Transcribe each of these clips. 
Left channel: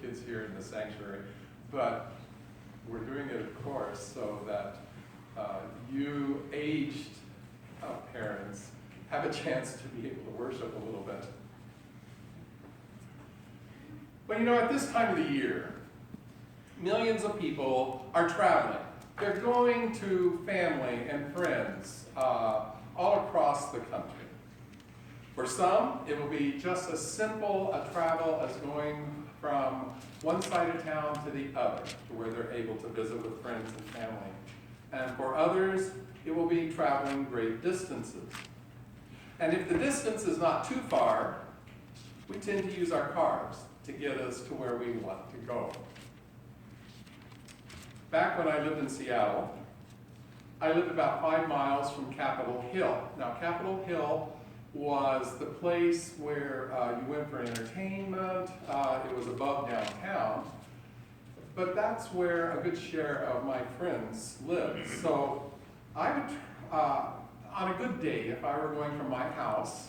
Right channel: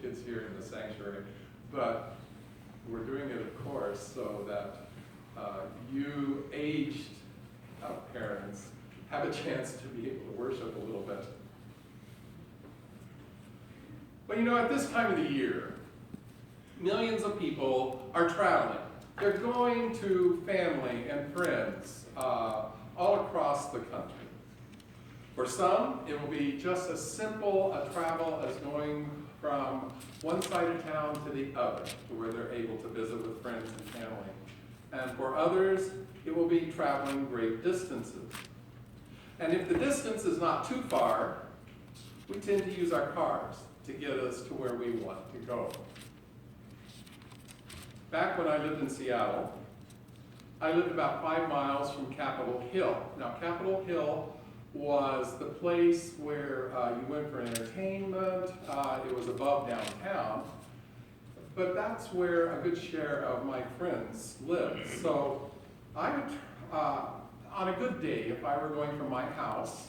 kids here in the sanctuary, but we're doing it, of course, so that you aged parents have a chance to be able to worship a little bit. But you know, at this time of the year, millions of people are traveling. They're going to family and friends all across the country. For some, it will be just as simple a travel as going from one side of town to the other, to where they're able to visit with friends and family. And for others, it will be traveling great distances. And if the distance is not too far, we tend to use our cars to get us to where we want to go. Back when I lived in Seattle, I lived about 5 miles from Capitol Hill. Now, Capitol Hill was the place where you went for entertainment. It was above downtown. But that's where a good share of my friends lived. So I would, on a good day, if I were going from my house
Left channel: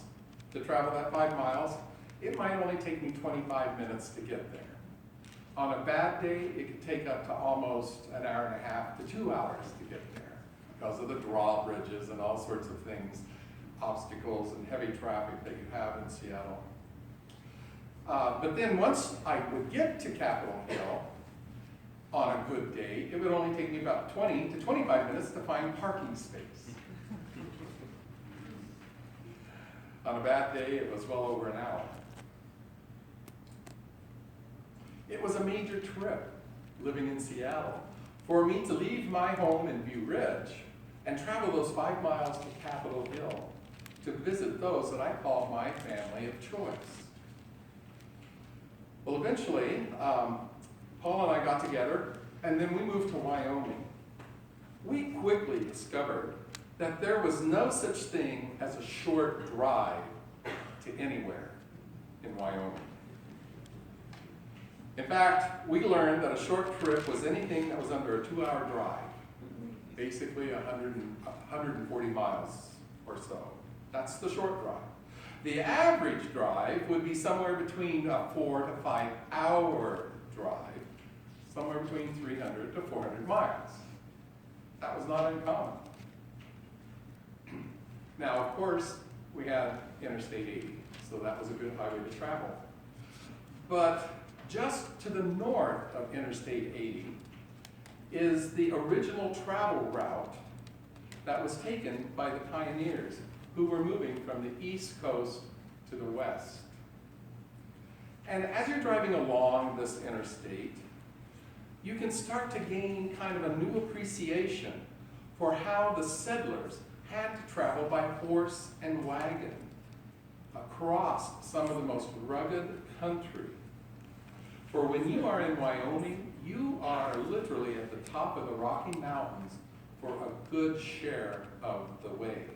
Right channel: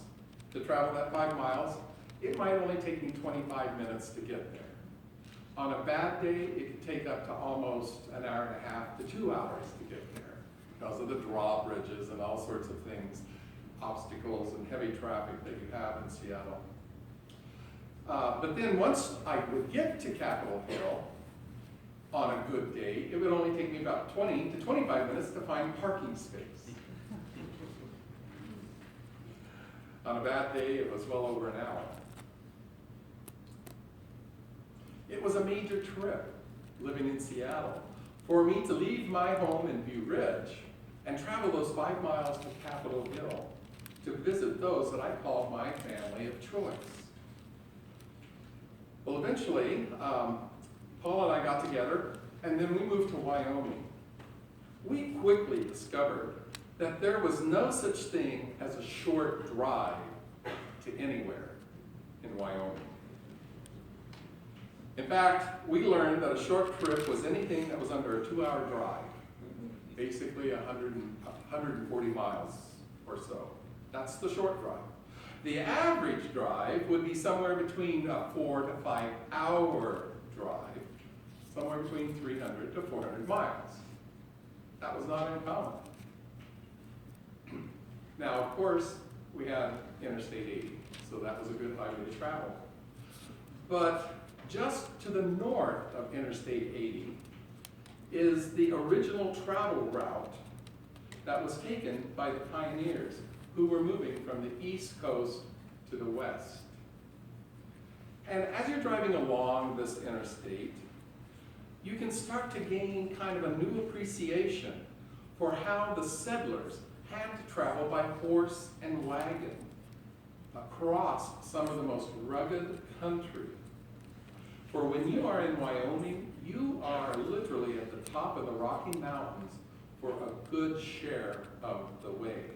to travel that 5 miles, it might only take me 25 minutes to get there. On a bad day, it could take up to almost an hour and a half to 2 hours to get there because of the drawbridges and all sorts of things, obstacles and heavy traffic that you have in Seattle. But then once I would get to Capitol Hill, on a good day, it would only take me about 20 to 25 minutes to find parking space. On a bad day, it was well over an hour. It was a major trip, living in Seattle, for me to leave my home in View Ridge and travel those 5 miles to Capitol Hill to visit those that I called my family of choice. Well, eventually, Paul and I got together, and then we moved to Wyoming. We quickly discovered that there was no such thing as a short drive to anywhere in Wyoming. In fact, we learned that a short trip was anything that was under a 2-hour drive, basically 140 miles or so. That's the short drive. The average drive would be somewhere between a 4 to 5 hour drive, somewhere between 300 to 400 miles. That was not uncommon. Now, of course, we had Interstate 80, so that was a good highway to travel. But just to the north of Interstate 80 is the original travel route that was taken by the pioneers who were moving from the East Coast to the West. And as you're driving along this interstate, you can start to gain kind of a new appreciation for how the settlers had to travel by horse and wagon across some of the most rugged country. For when you are in Wyoming, you are literally at the top of the Rocky Mountains for a good share of the way.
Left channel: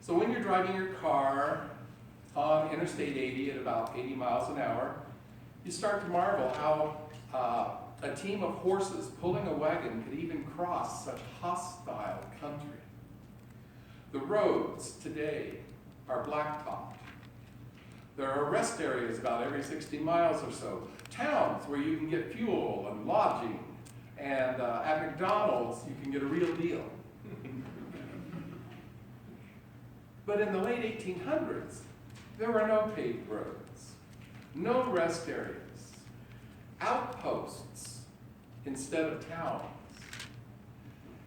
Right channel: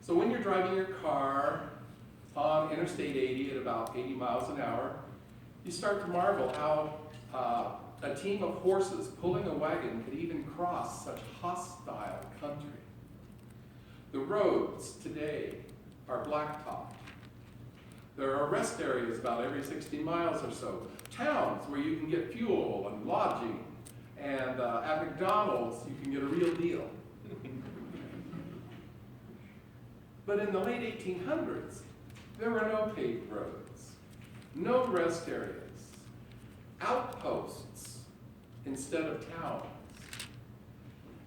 So when you're driving your car on Interstate 80 at about 80 miles an hour, you start to marvel how a team of horses pulling a wagon could even cross such hostile country. The roads today are blacktopped. There are rest areas about every 60 miles or so. Towns where you can get fuel and lodging. And at McDonald's, you can get a real deal. But in the late 1800s, there were no paved roads, no rest areas, outposts instead of towns,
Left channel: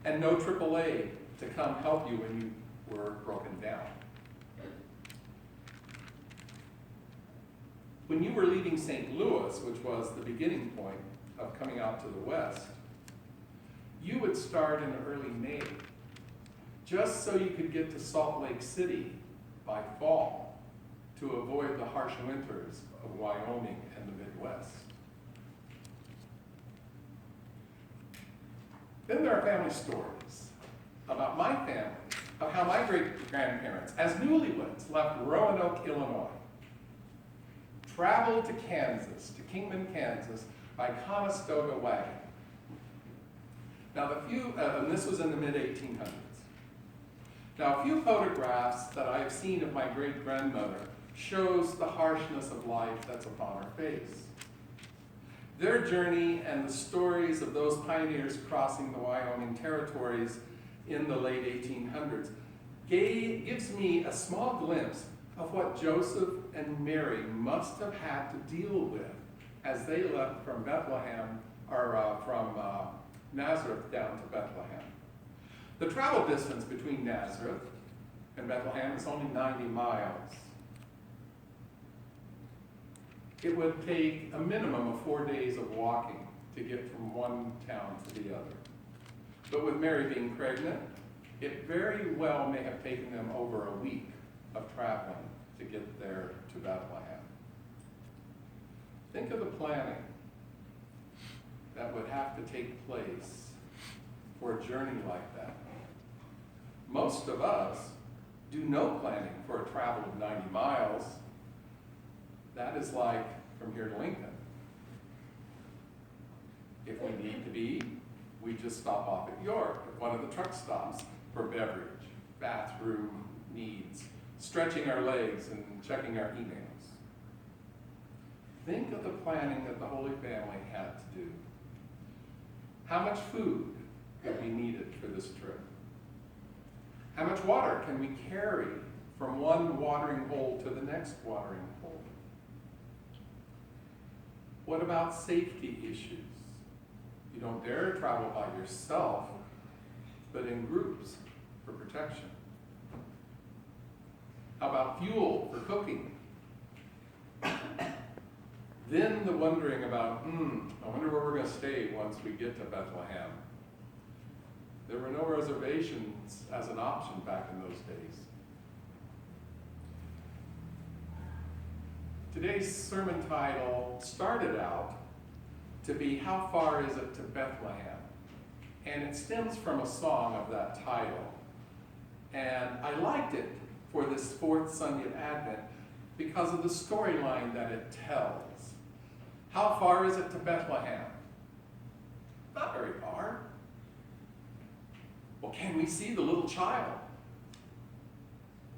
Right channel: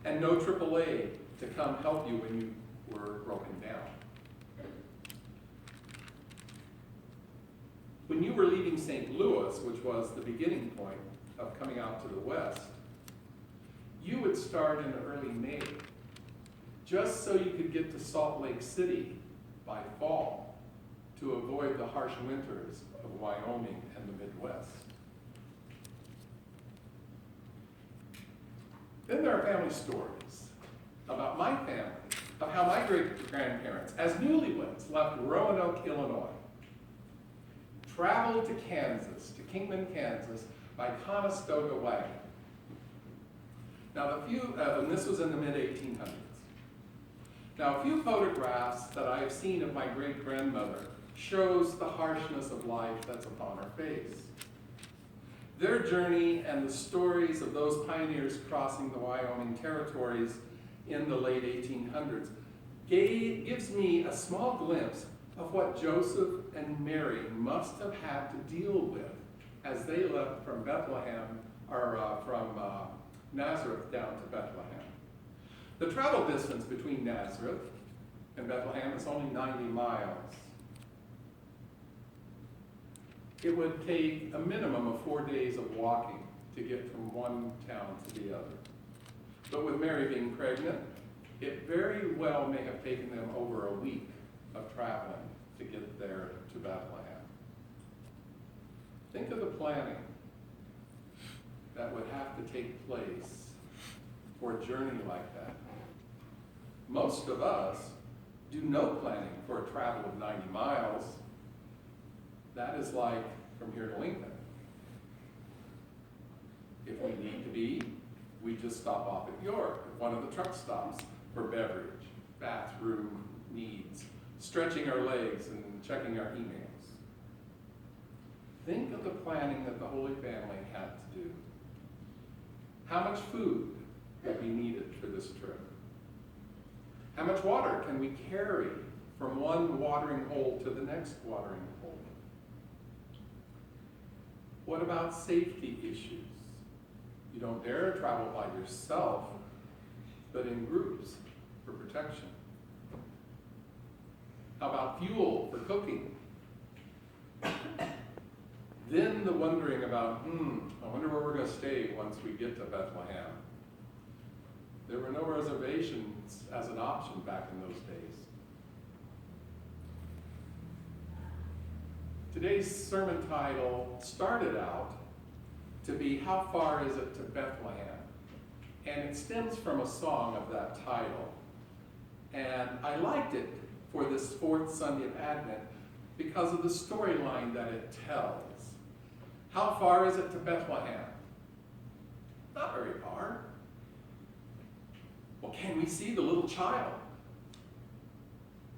and no AAA to come help you when you were broken down. When you were leaving St. Louis, which was the beginning point of coming out to the west, you would start in early May, just so you could get to Salt Lake City by fall to avoid the harsh winters of Wyoming and the Midwest. Then there are family stories about my family, of how my great-grandparents, as newlyweds, left Roanoke, Illinois, traveled to Kansas, to Kingman, Kansas, by Conestoga wagon. Now, and this was in the mid-1800s. Now, a few photographs that I have seen of my great-grandmother shows the harshness of life that's upon her face. Their journey and the stories of those pioneers crossing the Wyoming territories in the late 1800s gives me a small glimpse of what Joseph and Mary must have had to deal with as they left from Bethlehem, or from Nazareth down to Bethlehem. The travel distance between Nazareth and Bethlehem is only 90 miles. It would take a minimum of 4 days of walking to get from one town to the other. But with Mary being pregnant, it very well may have taken them over a week of traveling to get there to Bethlehem. Think of the planning that would have to take place for a journey like that. Most of us do no planning for a travel of 90 miles. That is like from here to Lincoln. If we need to be, we just stop off at York at one of the truck stops for beverage, bathroom needs, stretching our legs and checking our emails. Think of the planning that the Holy Family had to do. How much food would be needed for this trip? How much water can we carry from one watering hole to the next watering hole? What about safety issues? You don't dare travel by yourself, but in groups for protection. How about fuel for cooking? Then the wondering about, I wonder where we're going to stay once we get to Bethlehem. There were no reservations as an option back in those days. Today's sermon title started out to be, How Far Is It to Bethlehem? And it stems from a song of that title. And I liked it for this fourth Sunday of Advent because of the storyline that it tells. How far is it to Bethlehem? Not very far. Well, can we see the little child?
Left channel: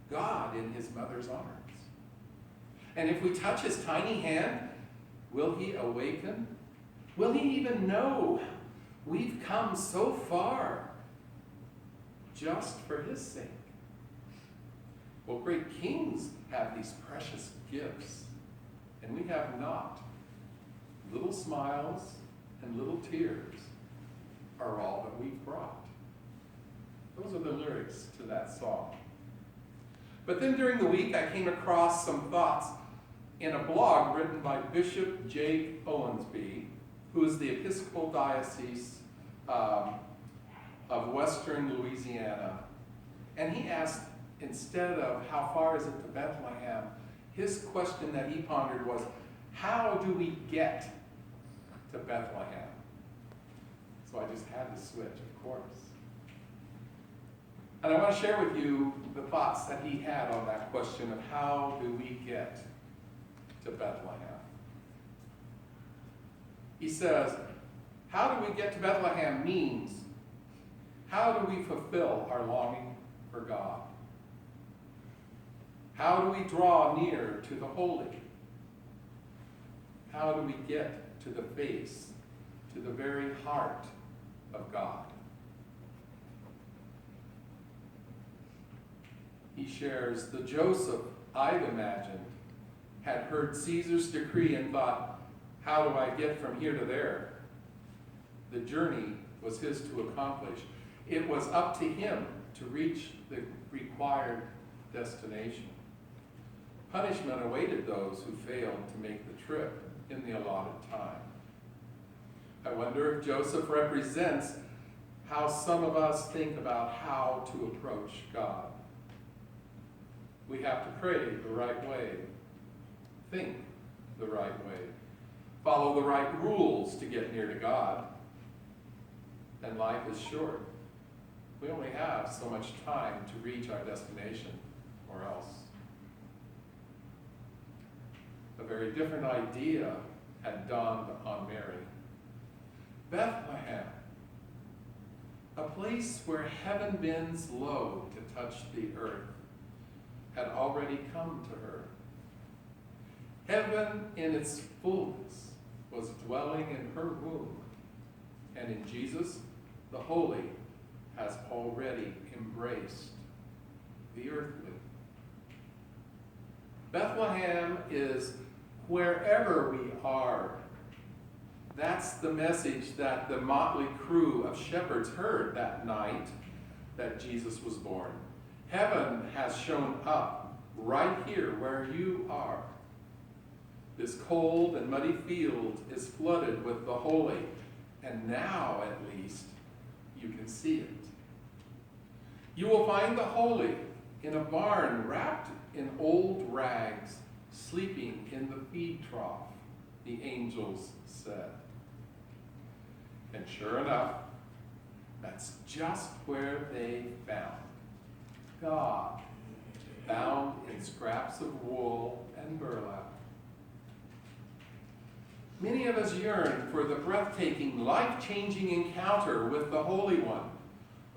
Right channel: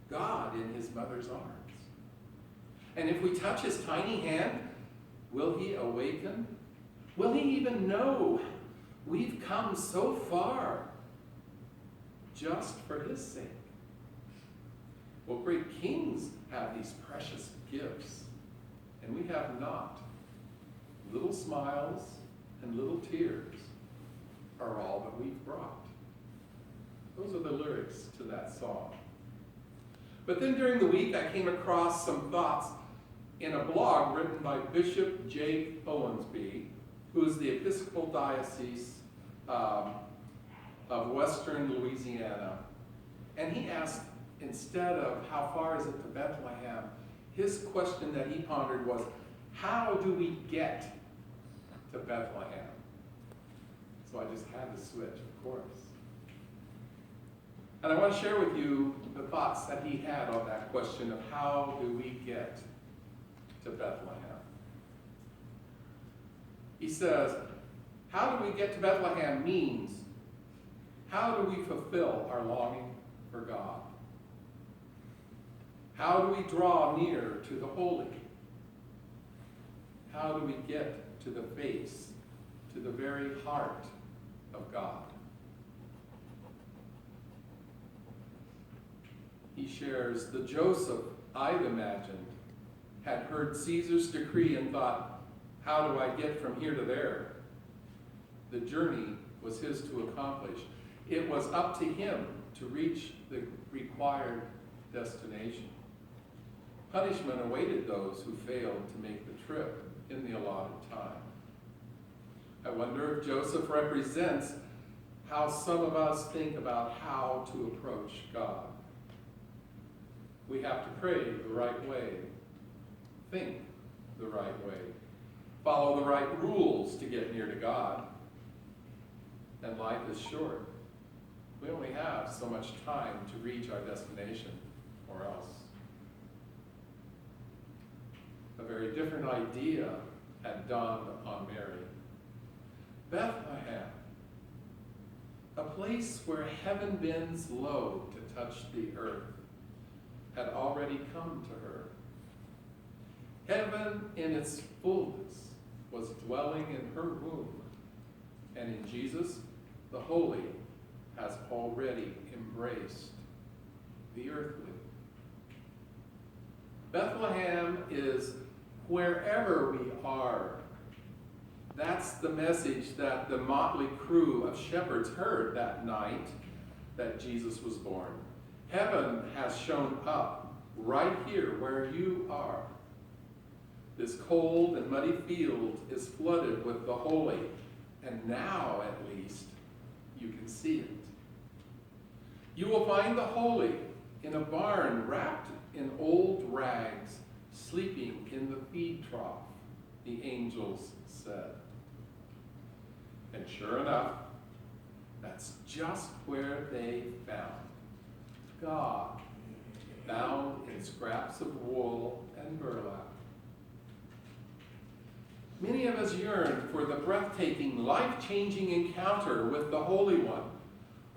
God in his mother's arms. And if we touch his tiny hand, will he awaken? Will he even know we've come so far just for his sake? Well, great kings have these precious gifts, and we have not. Little smiles and little tears are all that we've brought. Those are the lyrics to that song. But then during the week, I came across some thoughts in a blog written by Bishop Jake Owensby, who is the Episcopal Diocese of Western Louisiana. And he asked, instead of how far is it to Bethlehem, his question that he pondered was, how do we get to Bethlehem? So I just had to switch, of course. And I want to share with you the thoughts that he had on that question of how do we get to Bethlehem. He says, how do we get to Bethlehem means, how do we fulfill our longing for God? How do we draw near to the holy? How do we get to the face, to the very heart of God? He shares, the Joseph I'd imagined had heard Caesar's decree and thought, how do I get from here to there? The journey was his to accomplish. It was up to him to reach the required destination. Punishment awaited those who failed to make the trip in the allotted time. I wonder if Joseph represents how some of us think about how to approach God. We have to pray the right way, think the right way, follow the right rules to get near to God. And life is short. We only have so much time to reach our destination, or else. A very different idea had dawned on Mary. Bethlehem, a place where heaven bends low to touch the earth, had already come to her. Heaven in its fullness was was dwelling in her womb, and in Jesus, the Holy has already embraced the earthly. Bethlehem is wherever we are. That's the message that the motley crew of shepherds heard that night that Jesus was born. Heaven has shown up right here where you are. This cold and muddy field is flooded with the holy, and now at least you can see it. You will find the holy in a barn wrapped in old rags, sleeping in the feed trough, the angels said. And sure enough, that's just where they found God, bound in scraps of wool and burlap. Many of us yearn for the breathtaking, life-changing encounter with the Holy One.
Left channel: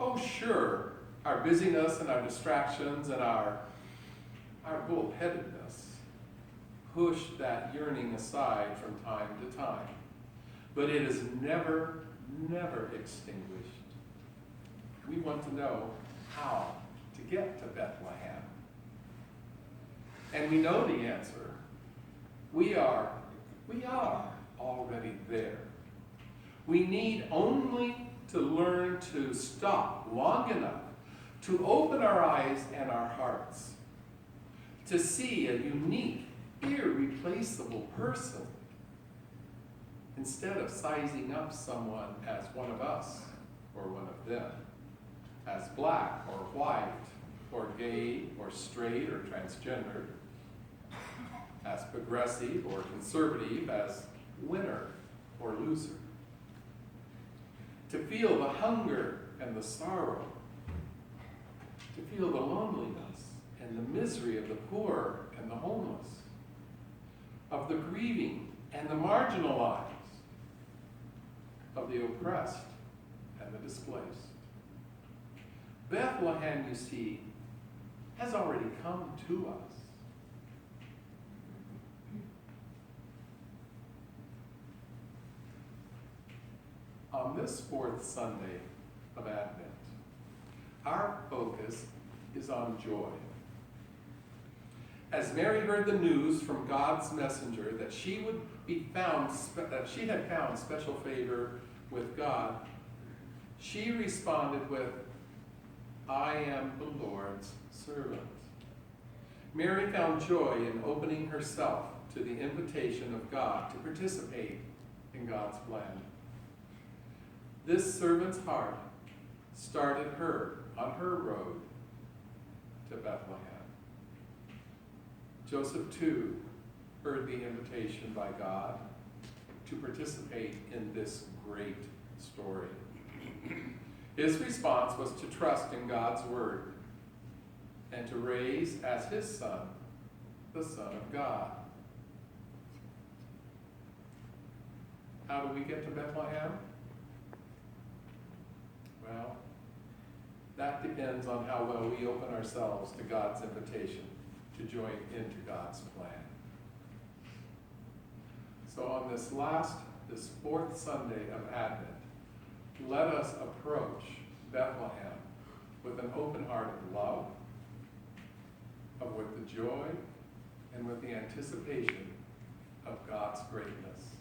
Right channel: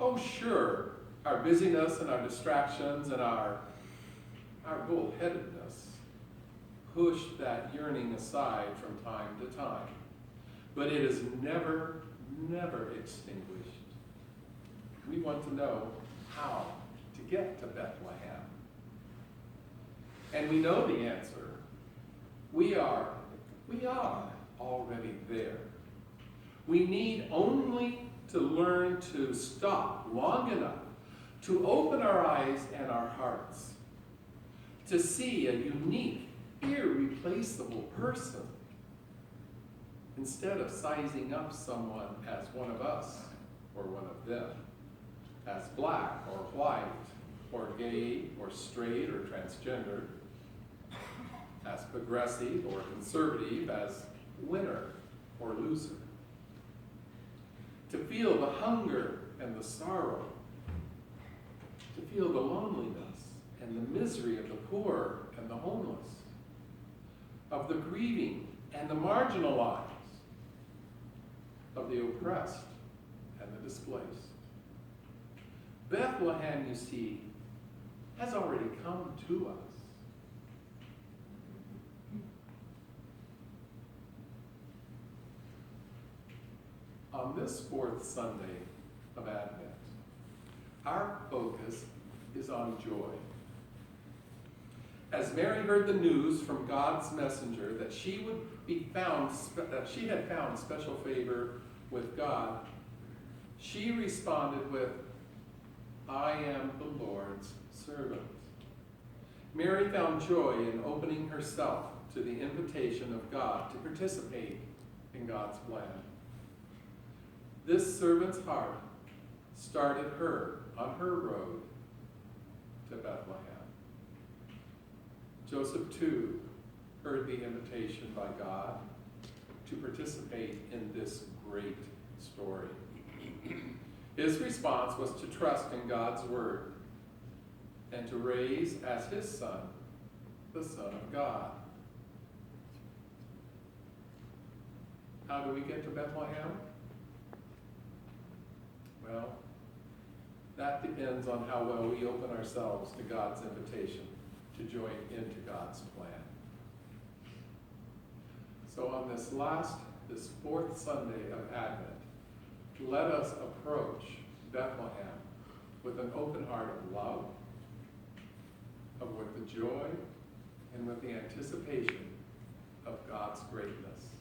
Oh, sure, our busyness and our distractions and our bullheadedness push that yearning aside from time to time. But it is never, never extinguished. We want to know how to get to Bethlehem. And we know the answer. We are already there. We need only to learn to stop long enough to open our eyes and our hearts, to see a unique, irreplaceable person, instead of sizing up someone as one of us or one of them, as black or white or gay or straight or transgender, as progressive or conservative, as winner or loser. To feel the hunger and the sorrow, to feel the loneliness and the misery of the poor and the homeless, of the grieving and the marginalized, of the oppressed and the displaced. Bethlehem, you see, has already come to us. On this fourth Sunday of Advent, our focus is on joy. As Mary heard the news from God's messenger that she had found special favor with God, she responded with, "I am the Lord's servant." Mary found joy in opening herself to the invitation of God to participate in God's plan. This servant's heart started her on her road to Bethlehem. Joseph, too, heard the invitation by God to participate in this great story. His response was to trust in God's word and to raise as his son, the Son of God. How do we get to Bethlehem? Well, that depends on how well we open ourselves to God's invitation to join into God's plan. So on this fourth Sunday of Advent, let us approach Bethlehem with an open heart of love, with the joy, and with the anticipation of God's greatness.